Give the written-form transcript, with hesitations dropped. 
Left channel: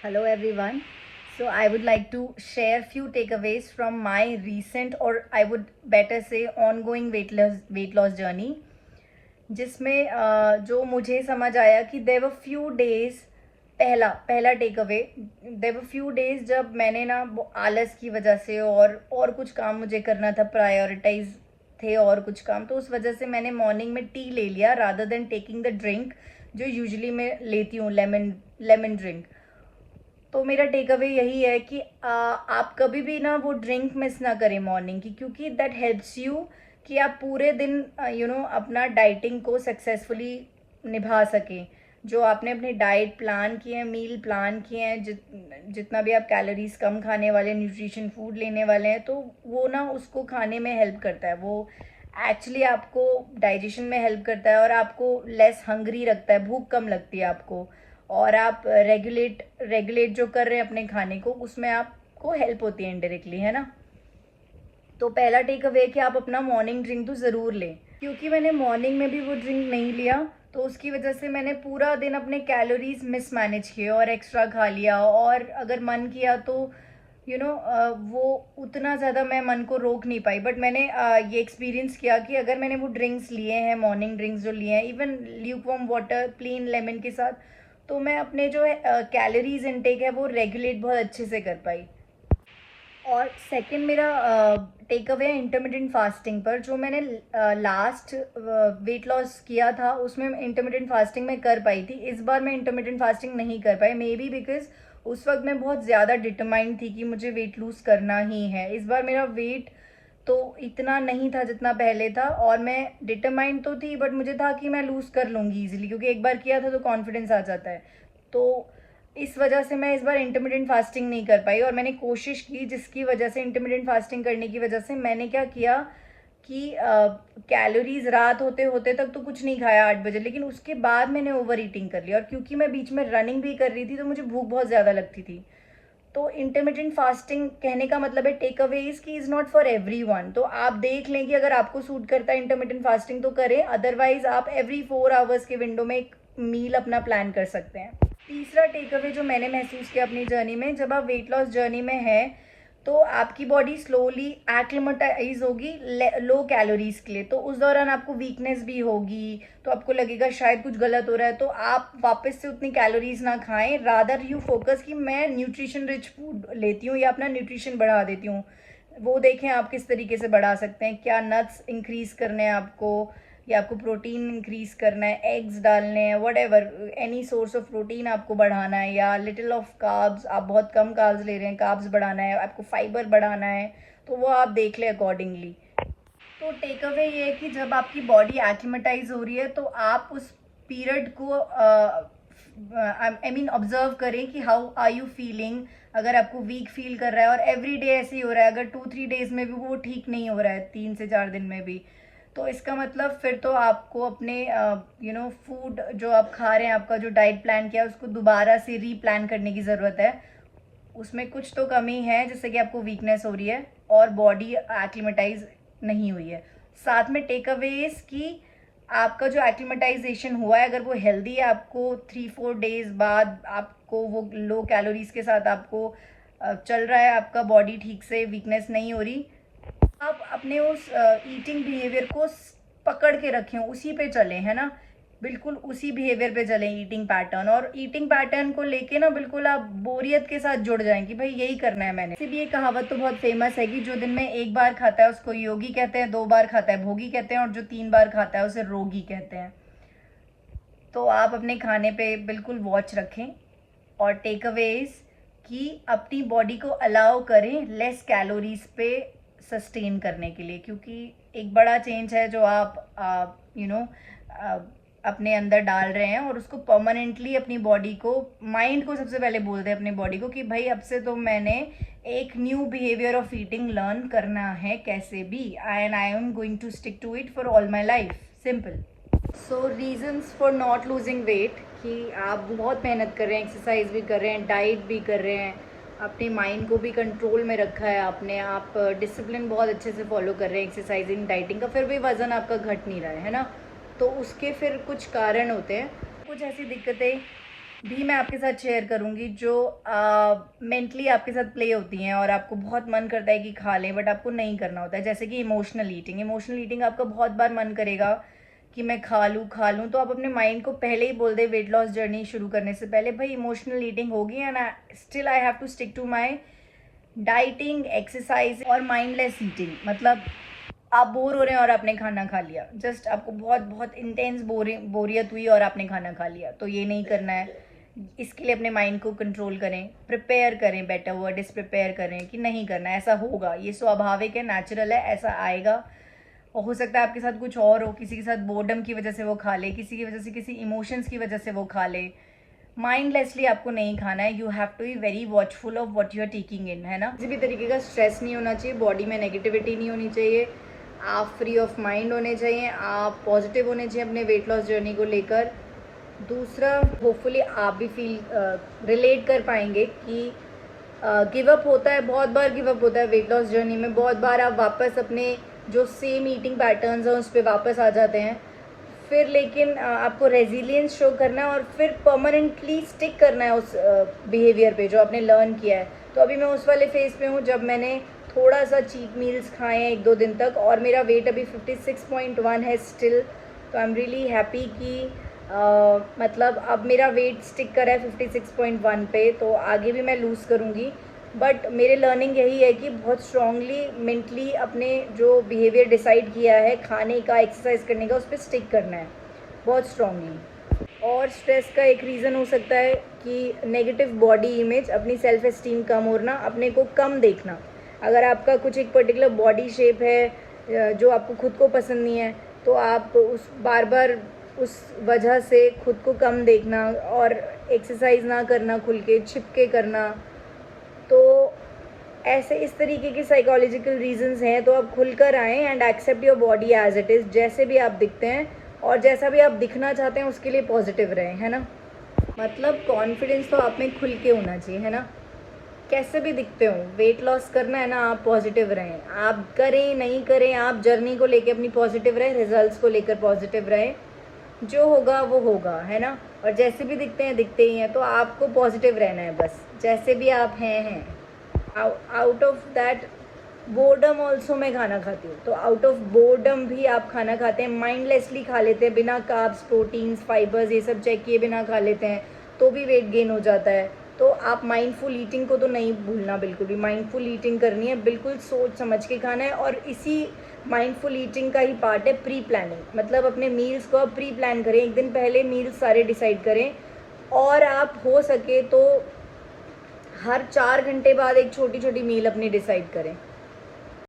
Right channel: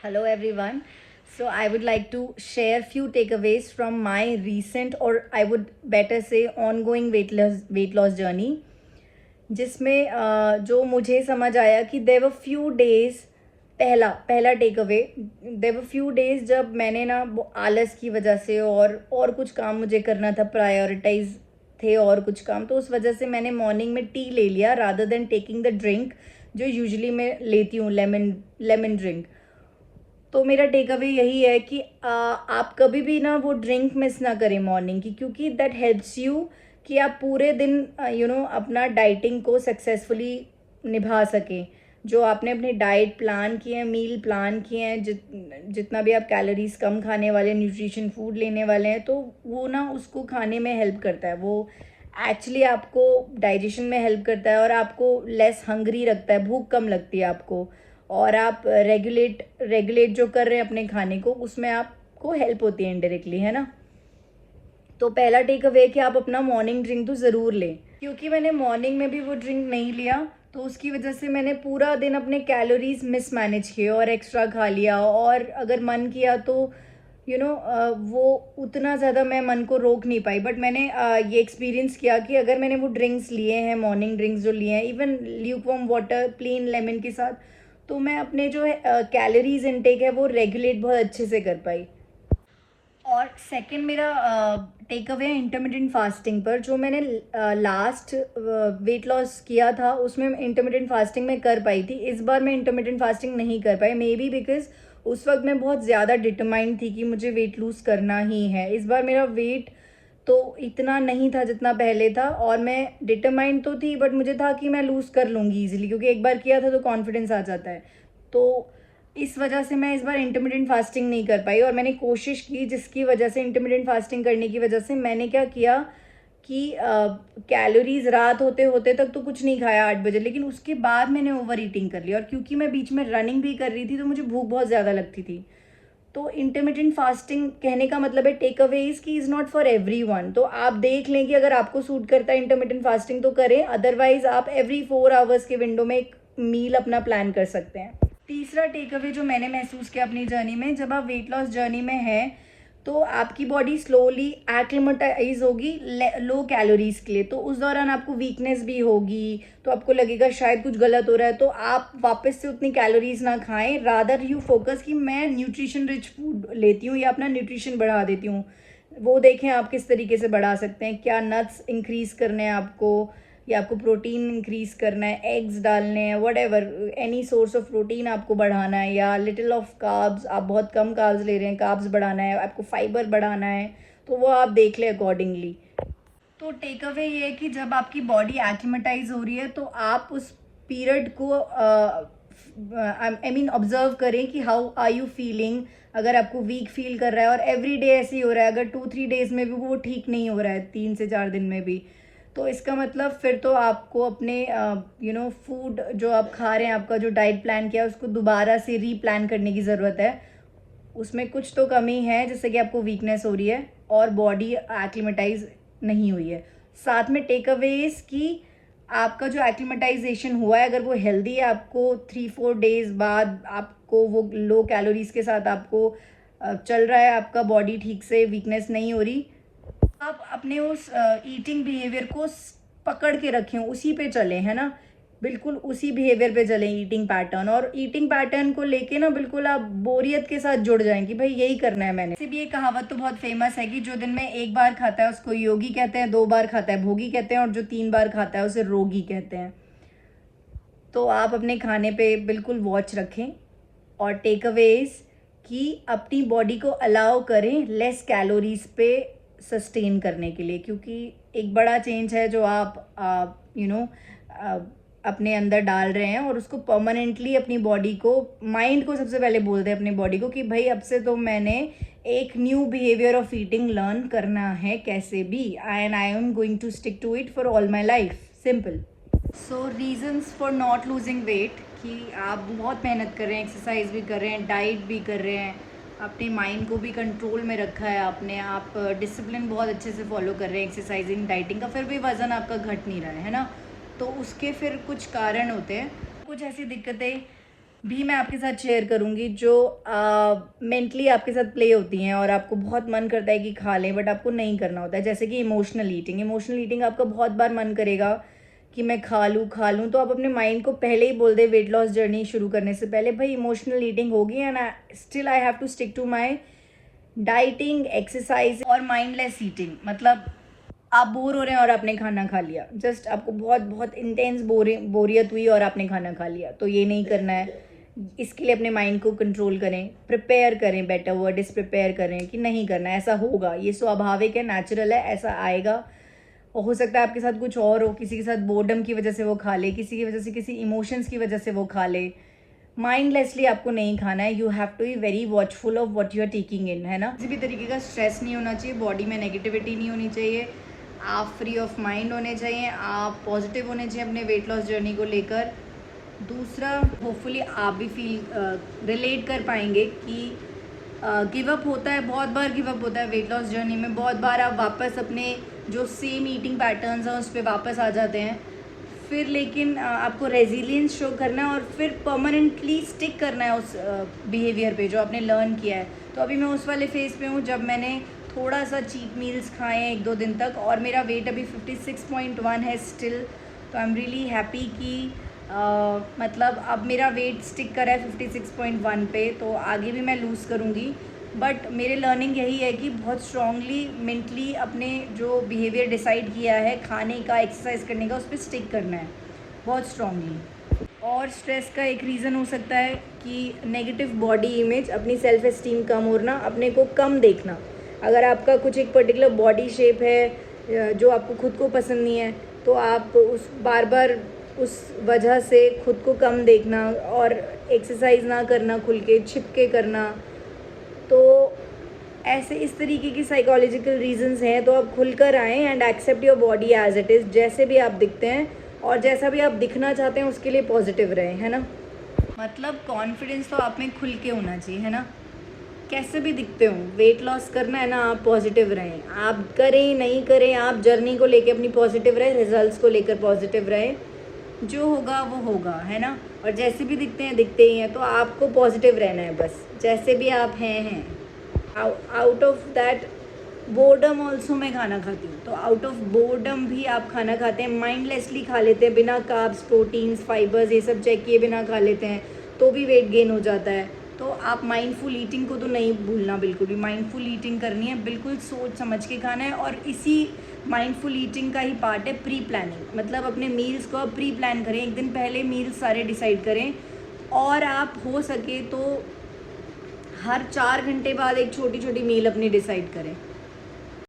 Hello everyone. So I would like to share few takeaways from my recent or I would better say ongoing weight loss journey जिसमें जो मुझे समझ आया कि there were few days पहला पहला take away there were few days जब मैंने ना आलस की वजह से और कुछ काम मुझे करना था प्रायोरिटाइज थे और कुछ काम तो उस वजह से मैंने मॉर्निंग में टी ले लिया rather than taking the drink जो यूजुअली मैं लेती हूँ लेमन लेमन ड्रिंक। तो मेरा टेक अवे यही है कि आप कभी भी ना वो ड्रिंक मिस ना करें मॉर्निंग की क्योंकि दैट हेल्प्स यू कि आप पूरे दिन अपना डाइटिंग को सक्सेसफुली निभा सकें। जो आपने अपनी डाइट प्लान किए हैं मील प्लान किए हैं जितना भी आप कैलोरीज कम खाने वाले न्यूट्रिशन फूड लेने वाले हैं तो वो ना उसको खाने में हेल्प करता है। वो एक्चुअली आपको डाइजेशन में हेल्प करता है और आपको लेस हंग्री रखता है, भूख कम लगती है आपको। और आप रेगुलेट रेगुलेट जो कर रहे हैं अपने खाने को उसमें आपको हेल्प होती है इनडायरेक्टली, है ना। तो पहला टेक अवे कि आप अपना मॉर्निंग ड्रिंक तो ज़रूर लें क्योंकि मैंने मॉर्निंग में भी वो ड्रिंक नहीं लिया तो उसकी वजह से मैंने पूरा दिन अपने कैलोरीज मिस मैनेज किए और एक्स्ट्रा खा लिया। और अगर मन किया तो वो उतना ज़्यादा मैं मन को रोक नहीं पाई। बट मैंने ये एक्सपीरियंस किया कि अगर मैंने वो ड्रिंक्स लिए हैं मॉर्निंग ड्रिंक्स जो लिए हैं even lukewarm water plain lemon के साथ तो मैं अपने जो कैलोरीज इनटेक है वो रेगुलेट बहुत अच्छे से कर पाई। और सेकंड मेरा टेक अवे है इंटरमिटेंट फास्टिंग पर। जो मैंने लास्ट वेट लॉस किया था उसमें इंटरमिटेंट फास्टिंग में कर पाई थी। इस बार मैं इंटरमिटेंट फास्टिंग नहीं कर पाई मे बी बिकॉज उस वक्त मैं बहुत ज़्यादा डिटरमाइंड थी कि मुझे वेट लूज़ करना ही है। इस बार मेरा वेट तो इतना नहीं था जितना पहले था और मैं डिटरमाइंड तो थी बट मुझे था कि मैं लूज़ कर लूँगी ईजिली क्योंकि एक बार किया था तो कॉन्फिडेंस आ जाता है। तो इस वजह से मैं इस बार इंटरमिटेंट फास्टिंग नहीं कर पाई और मैंने कोशिश की जिसकी वजह से इंटरमिटेंट फास्टिंग करने की वजह से मैंने क्या किया कि कैलोरीज रात होते होते तक तो कुछ नहीं खाया 8 बजे, लेकिन उसके बाद मैंने ओवर ईटिंग कर लिया और क्योंकि मैं बीच में रनिंग भी कर रही थी तो मुझे भूख बहुत ज़्यादा लगती थी। तो इंटरमिटेंट फास्टिंग कहने का मतलब है टेक अवे इज की इज़ नॉट फॉर एवरीवन। तो आप देख लें कि अगर आपको सूट करता है इंटरमिटेंट फास्टिंग तो करें, अदरवाइज आप एवरी 4 आवर्स के विंडो में एक मील अपना प्लान कर सकते हैं। तीसरा टेक अवे जो मैंने महसूस किया अपनी जर्नी में, जब आप वेट लॉस जर्नी में हैं तो आपकी बॉडी स्लोली एक्लिमेटाइज होगी लो कैलोरीज के लिए। तो उस दौरान आपको वीकनेस भी होगी तो आपको लगेगा शायद कुछ गलत हो रहा है तो आप वापस से उतनी कैलोरीज ना खाएं। रादर यू फोकस कि मैं न्यूट्रिशन रिच फूड लेती हूँ या अपना न्यूट्रिशन बढ़ा देती हूँ। वो देखें आप किस तरीके से बढ़ा सकते हैं, क्या नट्स इंक्रीज करने हैं आपको या आपको प्रोटीन इंक्रीज करना है, एग्स डालने हैं, what ever any source of protein आपको बढ़ाना है या लिटिल ऑफ कार्ब्स, आप बहुत कम कार्ब्स ले रहे हैं कार्ब्स बढ़ाना है, आपको फाइबर बढ़ाना है, तो वो आप देख लें अकॉर्डिंगली। तो टेक अवे ये है कि जब आपकी बॉडी एक्लिमेटाइज हो रही है तो आप उस पीरियड को आई मीन ऑब्जर्व करें कि हाउ आर यू फीलिंग। अगर आपको वीक फील कर रहा है और एवरी डे ऐसे ही हो रहा है, अगर 2-3 डेज में भी वो ठीक नहीं हो रहा है, 3 से 4 दिन में भी, तो इसका मतलब फिर तो आपको अपने फूड जो आप खा रहे हैं, आपका जो डाइट प्लान किया है उसको दोबारा से रीप्लान करने की ज़रूरत है। उसमें कुछ तो कमी है जैसे कि आपको वीकनेस हो रही है और बॉडी एक्लिमेटाइज नहीं हुई है। साथ में टेक अवेज की आपका जो एक्लिमेटाइजेशन हुआ है अगर वो हेल्दी है, आपको 3-4 डेज बाद आपको वो लो कैलोरीज के साथ आपको चल रहा है, आपका बॉडी ठीक से वीकनेस नहीं हो रही, आप अपने उस ईटिंग बिहेवियर को पकड़ के रखें, उसी पे चलें, है ना। बिल्कुल उसी बिहेवियर पे चलें ईटिंग पैटर्न, और ईटिंग पैटर्न को लेके ना बिल्कुल आप बोरियत के साथ जुड़ जाएं कि भाई यही करना है मैंने। इसी भी ये कहावत तो बहुत फेमस है कि जो दिन में एक बार खाता है उसको योगी कहते हैं, 2 बार खाता है भोगी कहते हैं और जो 3 बार खाता है उसे रोगी कहते हैं। तो आप अपने खाने पे बिल्कुल वॉच रखें और टेक अवेज कि अपनी बॉडी को अलाउ करें लेस कैलोरीज पे सस्टेन करने के लिए, क्योंकि एक बड़ा चेंज है जो आप अपने अंदर डाल रहे हैं और उसको परमानेंटली अपनी बॉडी को, माइंड को सबसे पहले बोल दें अपनी बॉडी को कि भाई अब से तो मैंने एक new behaviour of eating learn करना है कैसे भी, and I am going to stick to it for all my life, simple. So reasons for not losing weight कि आप बहुत मेहनत कर रहे हैं, एक्सरसाइज भी कर रहे हैं, डाइट भी कर रहे हैं, अपने माइंड को भी कंट्रोल में रखा है आपने, आप डिसिप्लिन बहुत अच्छे से फॉलो कर रहे हैं एक्सरसाइजिंग डाइटिंग का, फिर भी वज़न आपका घट नहीं रहा है ना। तो उसके फिर कुछ कारण होते हैं, कुछ ऐसी दिक्कतें भी मैं आपके साथ शेयर करूंगी जो मेंटली आपके साथ प्ले होती हैं और आपको बहुत मन करता है कि खा लें बट आपको नहीं करना होता है, जैसे कि इमोशनल ईटिंग आपका बहुत बार मन करेगा कि मैं खा लूँ, तो आप अपने माइंड को पहले ही बोल दे वेट लॉस जर्नी शुरू करने से पहले, भाई इमोशनल ईटिंग होगी and still I have to stick to my dieting, exercise और माइंडलेस ईटिंग। मतलब आप बोर हो रहे हैं और आपने खाना खा लिया, जस्ट आपको बहुत बहुत इंटेंस बोरियत हुई और आपने खाना खा लिया, तो ये नहीं करना है। इसके लिए अपने माइंड को कंट्रोल करें, प्रिपेयर करें, बेटर वर्ड इज प्रिपेयर करें कि नहीं करना, ऐसा होगा, ये स्वाभाविक है, नेचुरल है, ऐसा आएगा। और हो सकता है आपके साथ कुछ और हो, किसी के साथ बोर्डम की वजह से वो खा ले, किसी की वजह से, किसी इमोशंस की वजह से वो खा ले। माइंडलेसली आपको नहीं खाना है, you have to be very watchful of what you are taking in, है ना। किसी भी तरीके का स्ट्रेस नहीं होना चाहिए, बॉडी में नेगेटिविटी नहीं होनी चाहिए, आप फ्री ऑफ माइंड होने चाहिए, आप पॉजिटिव होने चाहिए अपने वेट लॉस जर्नी को लेकर। दूसरा, होपफुली आप भी फील रिलेट कर पाएंगे कि गिव अप होता है, बहुत बार गिव अप होता है वेट लॉस जर्नी में, बहुत बार आप वापस अपने जो सेम ईटिंग पैटर्न्स हैं उस पर वापस आ जाते हैं, फिर लेकिन आपको रेजिलियंस शो करना है और फिर परमानेंटली स्टिक करना है उस बिहेवियर पे जो आपने लर्न किया है। तो अभी मैं उस वाले फेज पे हूँ जब मैंने थोड़ा सा चीट मील्स खाए हैं 1-2 दिन तक और मेरा वेट अभी 56.1 है स्टिल। तो आई एम रियली हैप्पी कि मतलब अब मेरा वेट स्टिक करा है 56.1 पे, तो आगे भी मैं लूज़ करूँगी। बट मेरे लर्निंग यही है कि बहुत स्ट्रांगली मेंटली अपने जो बिहेवियर डिसाइड किया है खाने का, एक्सरसाइज करने का, उस पर स्टिक करना है बहुत स्ट्रांगली। और स्ट्रेस का एक रीज़न हो सकता है कि नेगेटिव बॉडी इमेज, अपनी सेल्फ एस्टीम कम होना, अपने को कम देखना। अगर आपका कुछ एक पर्टिकुलर बॉडी शेप है जो आपको खुद को पसंद नहीं है, तो आप उस बार बार उस वजह से खुद को कम देखना और एक्सरसाइज ना करना, खुल के छिप के करना, तो ऐसे इस तरीके की साइकोलॉजिकल रीजंस हैं। तो आप खुलकर आएँ and accept your body as it is, जैसे भी आप दिखते हैं और जैसा भी आप दिखना चाहते हैं उसके लिए पॉजिटिव रहें, है ना। मतलब कॉन्फिडेंस तो आप में खुल के होना चाहिए, है ना। कैसे भी दिखते हो, वेट लॉस करना है ना, आप पॉजिटिव रहें, आप करें नहीं करें, आप जर्नी को लेके अपनी पॉजिटिव रहें, रिजल्ट्स को लेकर पॉजिटिव रहें, जो होगा वो होगा, है ना। और जैसे भी दिखते हैं दिखते ही हैं, तो आपको पॉजिटिव रहना है बस, जैसे भी आप हैं। Out of that boredom also मैं खाना खाती हूँ, तो आउट ऑफ बोर्डम भी आप खाना खाते हैं, माइंडलेसली खा लेते हैं, बिना कार्ब्स, प्रोटीन्स, फाइबर्स ये सब चेक किए बिना खा लेते हैं, तो भी वेट गेन हो जाता है। तो आप माइंडफुल ईटिंग को तो नहीं भूलना, बिल्कुल भी माइंडफुल ईटिंग करनी है, बिल्कुल सोच समझ के खाना है। और इसी माइंडफुल ईटिंग का ही पार्ट है प्री प्लानिंग, मतलब अपने मील्स को आप प्री प्लान करें, एक दिन पहले मील्स सारे डिसाइड करें, और आप हो सके तो हर 4 घंटे बाद एक छोटी छोटी मील अपनी डिसाइड करें।